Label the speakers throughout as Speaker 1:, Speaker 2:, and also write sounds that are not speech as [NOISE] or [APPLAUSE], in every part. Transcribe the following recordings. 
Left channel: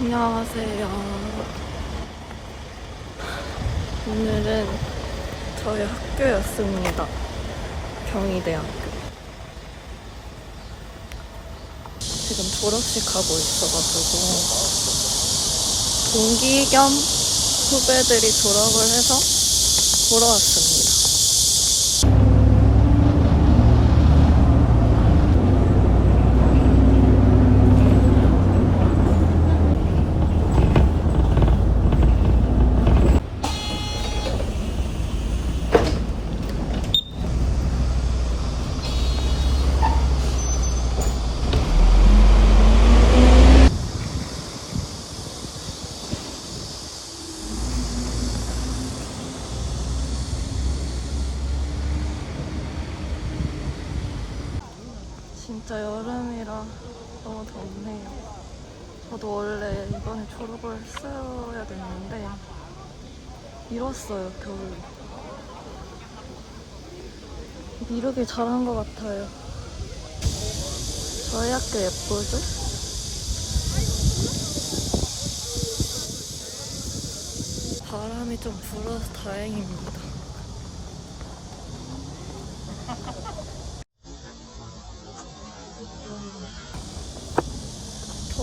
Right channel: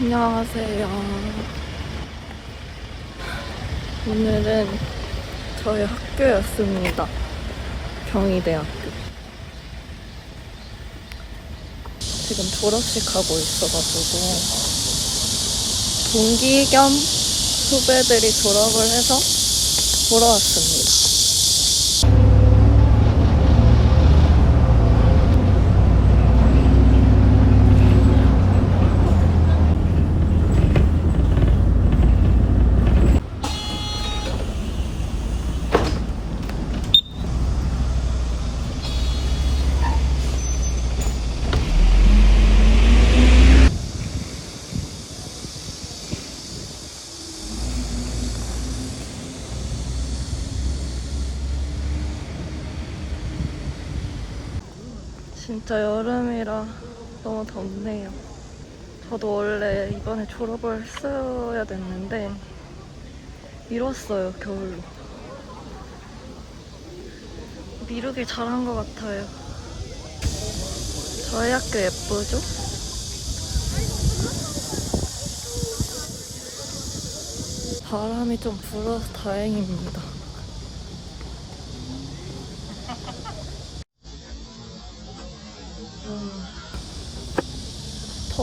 Speaker 1: 안녕하세요. 오늘은 저희 학교였습니다. 경희대학교. 지금 졸업식 하고 있어가지고 동기 겸 후배들이 졸업을 해서 보러 왔습니다. 진짜 여름이라 너무 덥네요. 저도 원래 이번에 졸업을 했어야 됐는데 미뤘어요, 겨울로. 미루길 잘한 것 같아요. 저희 학교 예쁘죠? 바람이 좀 불어서 다행입니다.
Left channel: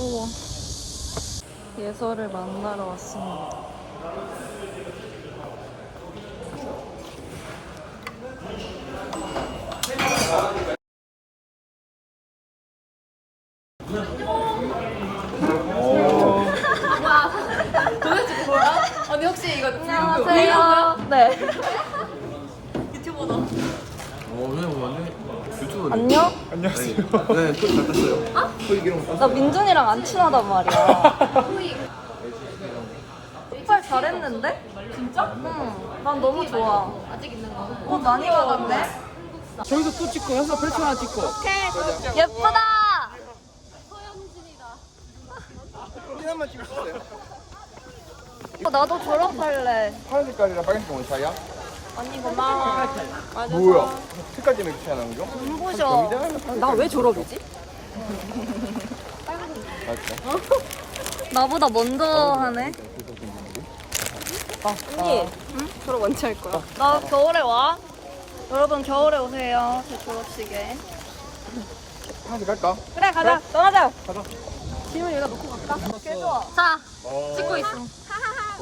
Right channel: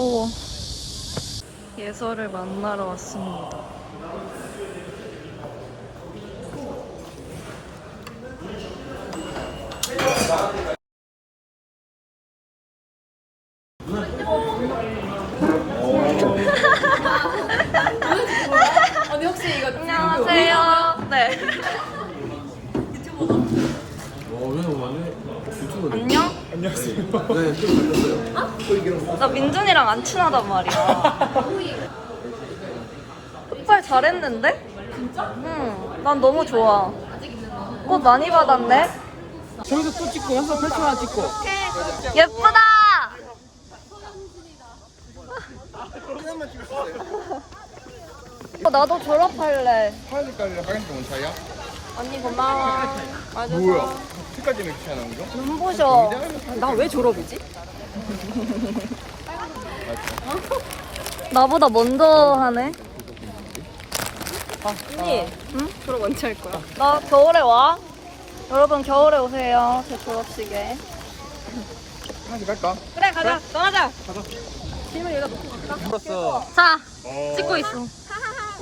Speaker 1: 더워. 예설을 만나러 왔습니다. [LAUGHS]
Speaker 2: 언니 혹시 이거
Speaker 1: 안녕하세요. 네. [LAUGHS]
Speaker 3: 어, 왜 완전 유튜브
Speaker 1: 안녕?
Speaker 3: 안녕하세요. 네, 또잘 떴어요. 소리기름
Speaker 1: 나 민준이랑 안 친하단 말이야. 오빠 잘했는데? 진짜? 응. 난 너무 좋아. 꽃 많이 받았네?
Speaker 4: 저기서 또 찍고 여기서 펼쳐 하나 찍고
Speaker 1: 예쁘다!
Speaker 3: 하나만 찍었어요.
Speaker 1: 어, 나도 졸업할래.
Speaker 3: 파란 색깔이랑 빨간 색깔 뭔 차이야?
Speaker 1: 언니 고마워. 맞아서.
Speaker 3: 뭐야? 색깔 때문에 귀찮은 거죠?
Speaker 1: 눈부셔.
Speaker 2: 나 왜 졸업이지?
Speaker 1: 나보다 먼저 하네.
Speaker 2: 언니 응? 졸업 언제 할 거야?
Speaker 1: 나 겨울에 와. 여러분 겨울에 오세요. 제 졸업식에.
Speaker 3: 하나씩 갈까?
Speaker 2: 그래 가자 나가자
Speaker 1: 자, 찍고 있어.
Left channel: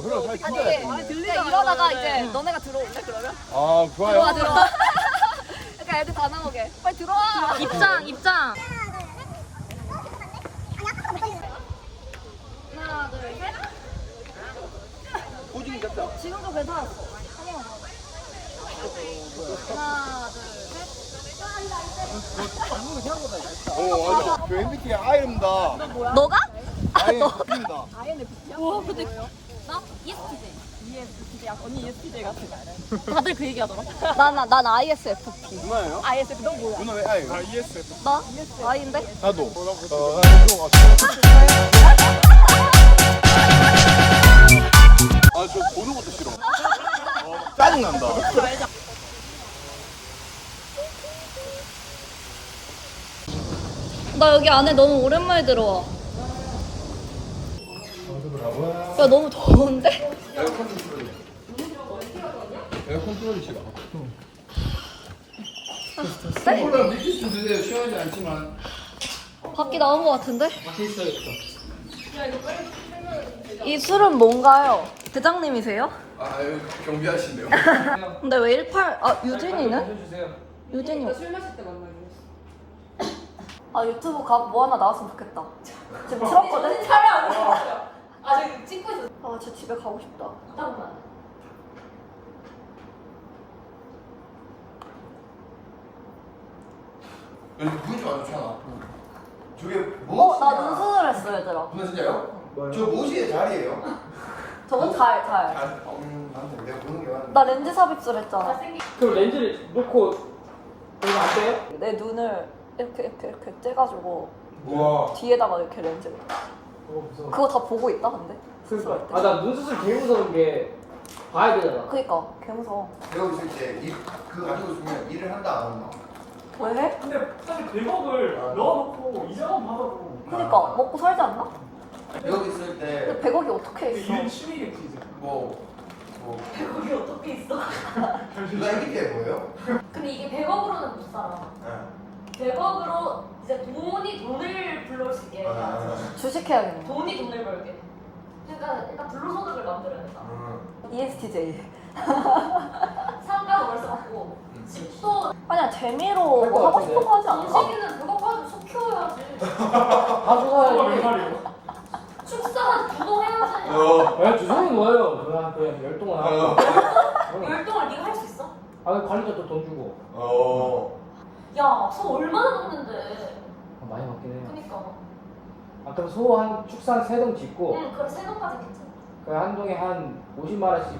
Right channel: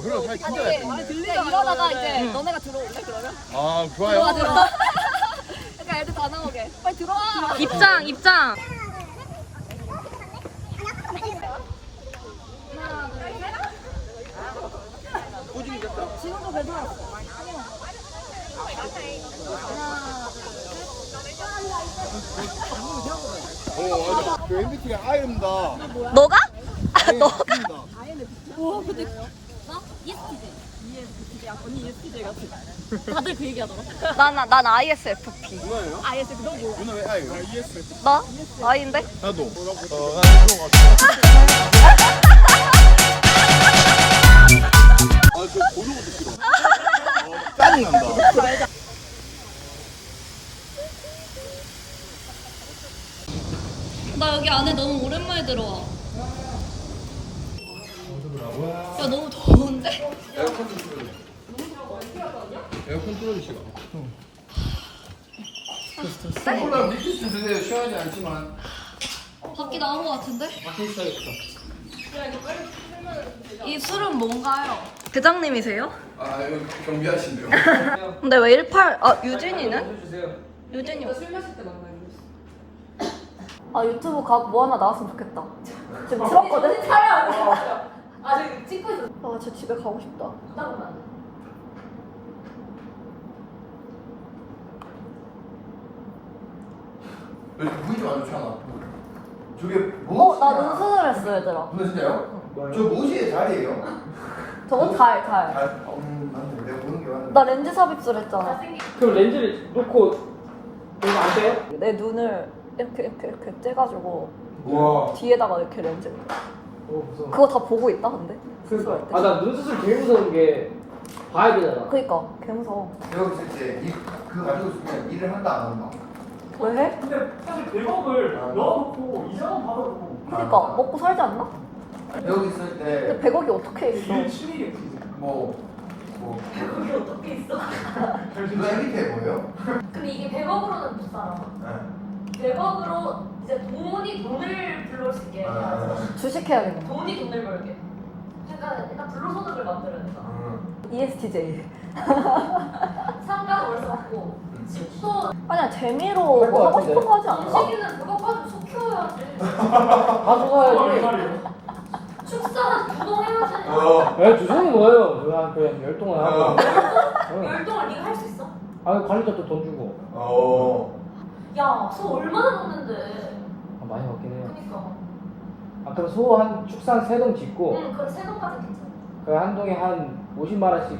Speaker 2: 아니 들리잖아 이러다가 이제 너네가 들어올래 그러면?
Speaker 3: 아,
Speaker 2: 들어와
Speaker 3: 좋아요.
Speaker 2: 들어와 [LAUGHS] 그러니까 애들 다 나오게 빨리 들어와
Speaker 1: 입장, 입장.
Speaker 2: 하나 둘셋 지금도 괜찮았어 하나
Speaker 3: 어. 저 MBTI I입니다.
Speaker 1: 너가?
Speaker 3: I 입니다.
Speaker 2: 와 근데 나 ESTJ ESTJ 언니 ESTJ 같아 다들 그 얘기 하더라
Speaker 1: 난, 난 ISFP.
Speaker 3: 누나예요?
Speaker 2: ISTJ 넌 뭐야?
Speaker 3: 누나 왜 I? 아, ESF.
Speaker 1: 나? I인데?
Speaker 3: 나도. 어, 아, 저 보는 것도 싫어. 어, 짜증난다.
Speaker 1: 나 여기 안에 너무 오랜만에 들어와. 야, 너무 더운데?
Speaker 3: 에어컨 틀어주시다. 콜라 미키스 좀 드세요. 시원하지 않지만.
Speaker 1: 밖이 나온 것 같은데?
Speaker 3: 밖에 있어야겠다.
Speaker 1: 이 술은 뭔가요? 대장님이세요?
Speaker 3: 아, 이거 경비하신데요? [LAUGHS]
Speaker 1: 근데 왜 18, 아, 유진이는? 유진이. 아, 유튜브 각 뭐 하나 나왔으면 좋겠다. 지금 틀었거든? 촬영
Speaker 2: 아 지금 찍고 있어
Speaker 1: 아, 제 집에 가고 싶다.
Speaker 3: 여기 보이지 않잖아. 저게 뭐?
Speaker 1: 어, 나 눈수술 했어, 얘들아.
Speaker 3: 누나 진짜요? 저 무시의 자리예요.
Speaker 1: 저건 달, 달.
Speaker 3: 아, 음, 내가 보는 게 맞는
Speaker 1: 나 렌즈 삽입술 했잖아.
Speaker 4: 그럼 렌즈를 놓고 여기 안 돼요?
Speaker 1: 내 눈을 이렇게 이렇게 이렇게 째가지고
Speaker 5: 우와.
Speaker 1: 뒤에다가 이렇게 렌즈를. 그거 다 보고 있다 근데 수술할 때.
Speaker 4: 아나 눈수술 되게 무서운 게 봐야 되잖아.
Speaker 1: 그니까 개 무서워.
Speaker 3: 배우고 있을 때 이- 그거 가지고 있으면 일을 한다 안 한다.
Speaker 1: 왜 해?
Speaker 6: 근데 사실 100억을 넣어놓고 이자만 받아놓고
Speaker 1: 그니까 먹고 살지 않나?
Speaker 3: 배우고 있을
Speaker 1: 근데
Speaker 3: 때
Speaker 1: 100억이 어떻게 있어?
Speaker 6: 이게 취미겠지
Speaker 3: 뭐, 뭐,
Speaker 2: 그게 어떻게 있어?
Speaker 3: 쫄깃해 보여?
Speaker 2: 근데 이게 100억으로는 못 살아.
Speaker 3: 네.
Speaker 2: 100억으로 이제 돈이 돈을 불러올 수 있게
Speaker 3: 아.
Speaker 1: 주식해야겠네.
Speaker 2: 돈이 돈을 벌게. 약간 약간 불로소득을 만들어야 된다.
Speaker 3: 음.
Speaker 1: ESTJ.
Speaker 2: 상가도 벌써 없고 집도
Speaker 1: 아니야 재미로 뭐 하고 싶은 거 하지 않을까?
Speaker 2: 시기는 그거 가지고 속 키워야지.
Speaker 6: 어,
Speaker 2: 축사는 운동해야지.
Speaker 3: 어.
Speaker 4: 야 주성이 뭐예요? 그냥 그냥 열동을 하고.
Speaker 3: 어.
Speaker 2: 열동을 네가 할 수 있어?
Speaker 4: 아 관리자 또돈 주고.
Speaker 3: 어.
Speaker 2: 야, 소 얼마나 먹는데?
Speaker 4: 아, 많이 먹긴 해요.
Speaker 2: 그니까.
Speaker 4: 아 그럼 소한 축산 세 동 짓고
Speaker 2: 응, 그럼 세 동까지 괜찮아.
Speaker 4: 그 한 동에 한 50만 원씩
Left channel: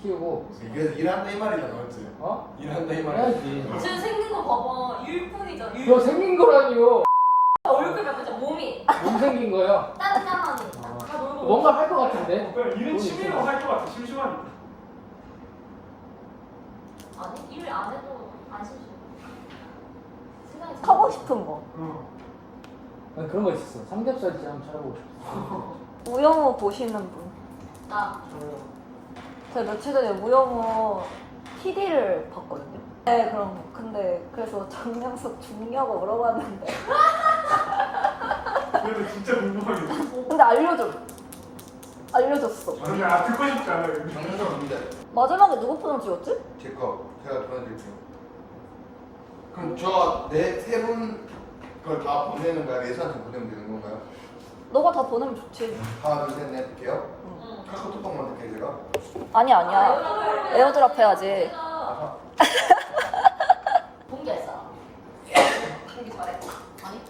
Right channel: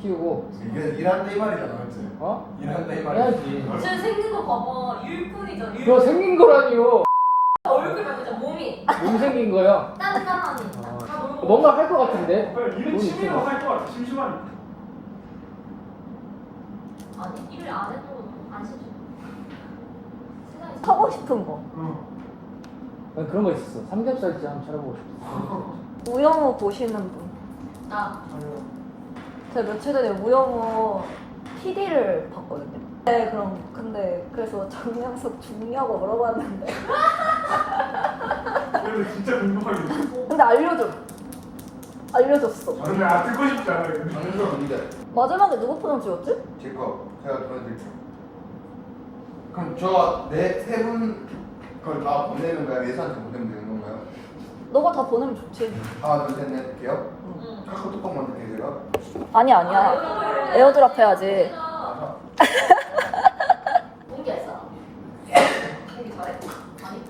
Speaker 4: 키우고
Speaker 3: 이게 일한다 이 말이잖아, 맞지?
Speaker 4: 어?
Speaker 3: 일한다 이 말이야.
Speaker 4: 해야지.
Speaker 2: 쟤 생긴 거 봐봐. 일꾼이잖아.
Speaker 4: 이거 생긴 거라니요.
Speaker 2: 얼굴 몇 보자. 몸이
Speaker 4: 못 생긴 거야.
Speaker 2: 단단하니. 다 놀고.
Speaker 4: 뭔가 할 것 같은데.
Speaker 6: 일은 취미로 할것 같아 심심하니까
Speaker 2: 아니, 일안 해도 안 싫죠.
Speaker 1: 하고 싶은 거.
Speaker 4: 난 그런 거 있었어. 삼겹살집 한번 찾아보고 싶어.
Speaker 1: 우영우 보시는 분.
Speaker 2: 나.
Speaker 1: 제가 며칠 전에 우영우 PD를 봤거든요. 네, 그럼 근데 그래서 장명석 중요하고 물어봤는데
Speaker 6: 근데 [LAUGHS] 진짜 궁금하겠네
Speaker 1: 근데 알려줘. 알려줬어.
Speaker 6: 근데 아 듣고 싶지 않아요
Speaker 3: 방송 없는데.
Speaker 1: 마지막에 누구 포장 찍었지?
Speaker 3: 제거 제가 보내드릴게요. 그럼 저네세분 그걸 다 보내는 거야? 예산을 보내면 되는 건가요?
Speaker 1: 너가 다 보내면 좋지.
Speaker 3: 하나 둘셋넷 돼요?
Speaker 2: 응.
Speaker 3: 카카오톡만 어떻게 돼요?
Speaker 1: 아니 아니야. 에어드랍 해야지.
Speaker 2: 공기 했어? 공기 잘해? 아니.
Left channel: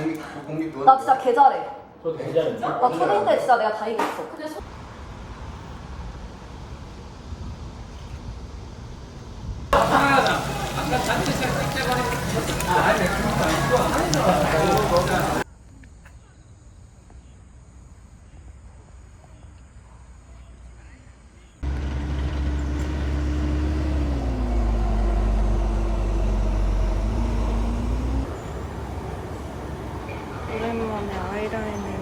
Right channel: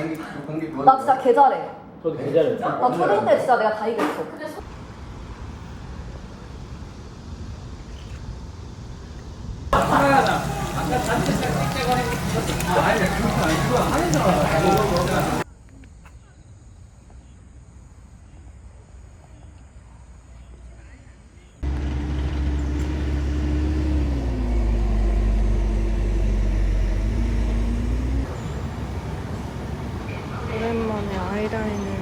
Speaker 3: 공기 공기 그거.
Speaker 1: 나 진짜 개 잘해.
Speaker 4: 저도 괜찮아요.
Speaker 1: 나 초등 때 진짜 내가 다 이겼어.
Speaker 2: 근데 소...
Speaker 1: 오랜만에 아이라인을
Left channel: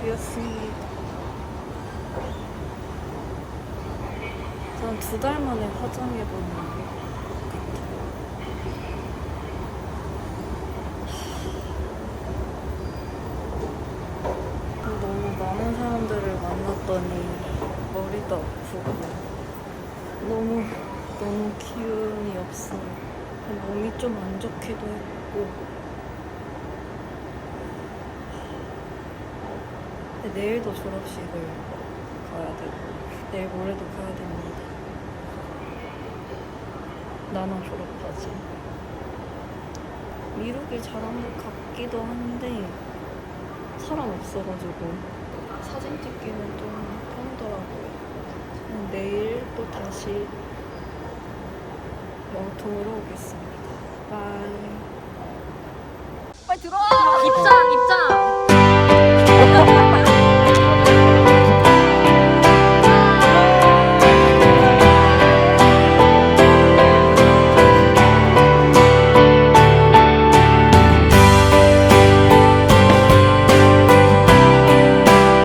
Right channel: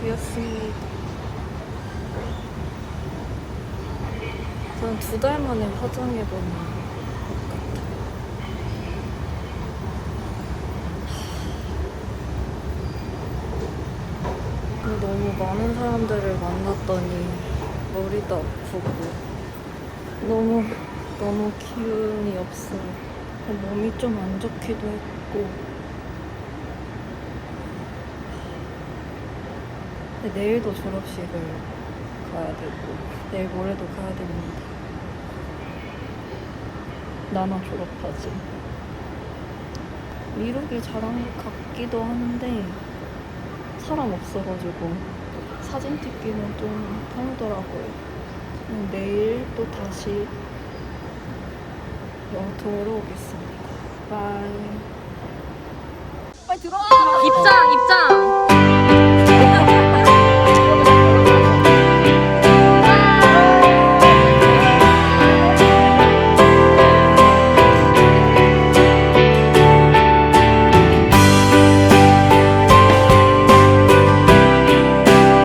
Speaker 1: 그렸습니다. 한 두 달 만에 화장해보는 것 같아요. 근데 너무 많은 사람들을 만났더니 머리도 아프고 너무 너무 기운이 없어요. 몸이 좀 안 좋기도 했고 내일도 졸업식을 가야 되고 내일 모레도 가야 됩니다. 나나 졸업하지. 미루길 잘한 것 같기도 한데 사람 없어가지고 사진 찍기는 좀 편하더라고요. 내일 또 다시 영통으로 오겠습니다. 바이. 빨리 들어와! 입장, 입장!